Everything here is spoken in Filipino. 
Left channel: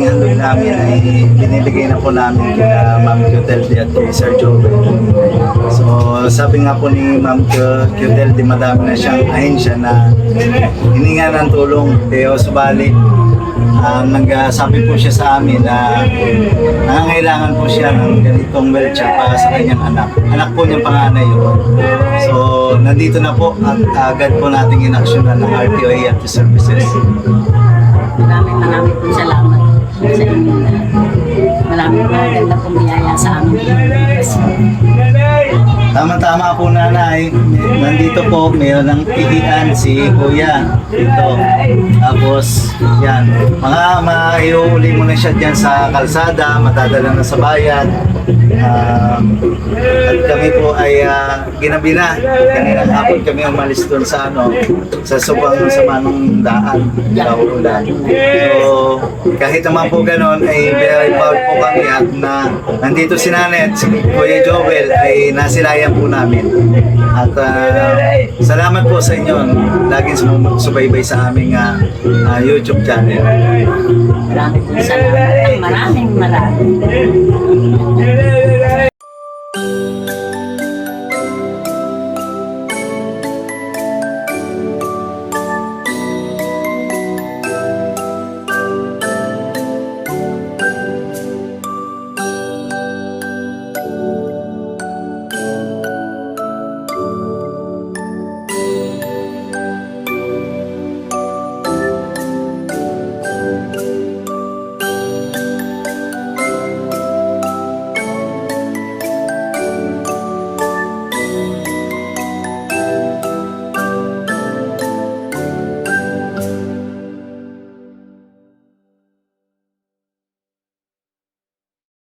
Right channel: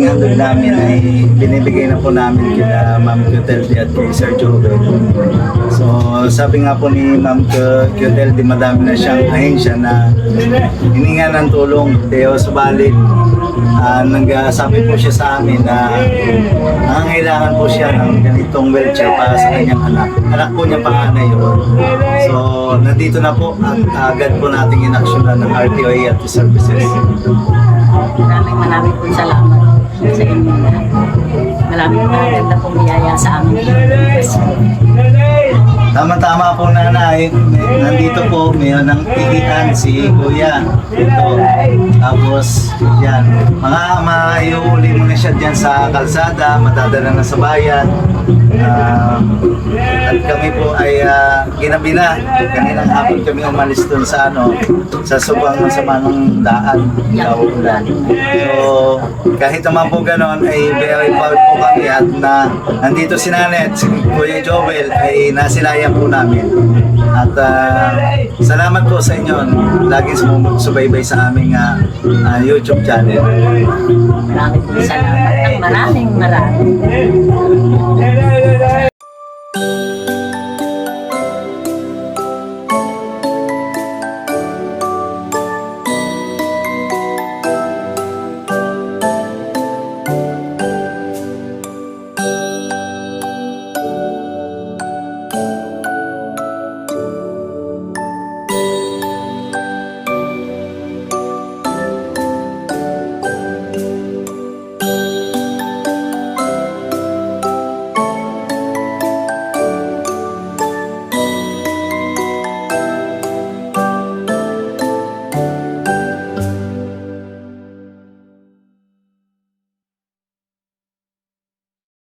ating handog namin ay binibigay na po namin kina Ma'am Clotilde at kay Sir Joel. So sabi nga po ni Ma'am Clotilde, madami na siyang ahensya na hininga ng tulong. Kaya subali, nagsabi po siya sa amin na nangangailangan po siya ng ganitong wheelchair para sa kanyang anak. Anak po niyang panganay yun. So nandito na po at agad po nating inaksyonan ng RTOA at services. Maraming pong salamat sa inyo lahat. Maraming maganda pong biyaya sa amin. Tama-tama po nanay, nandito po mayroon ng tihian si Kuya. Ito. Tapos yan, mga maiuuli mo na siya dyan sa kalsada, matadala na sa bayan. At kami po ay ginabi na. Kaninang hapon kami umalis doon sa sa subang sa manong daan sa ulan. So kahit naman po ganon ay very proud po kami at nandito si Nanay at si Kuya Joel ay nasilayan po namin. At salamat po sa inyo laging sumusubaybay sa aming YouTube channel. Maraming salamat at maraming.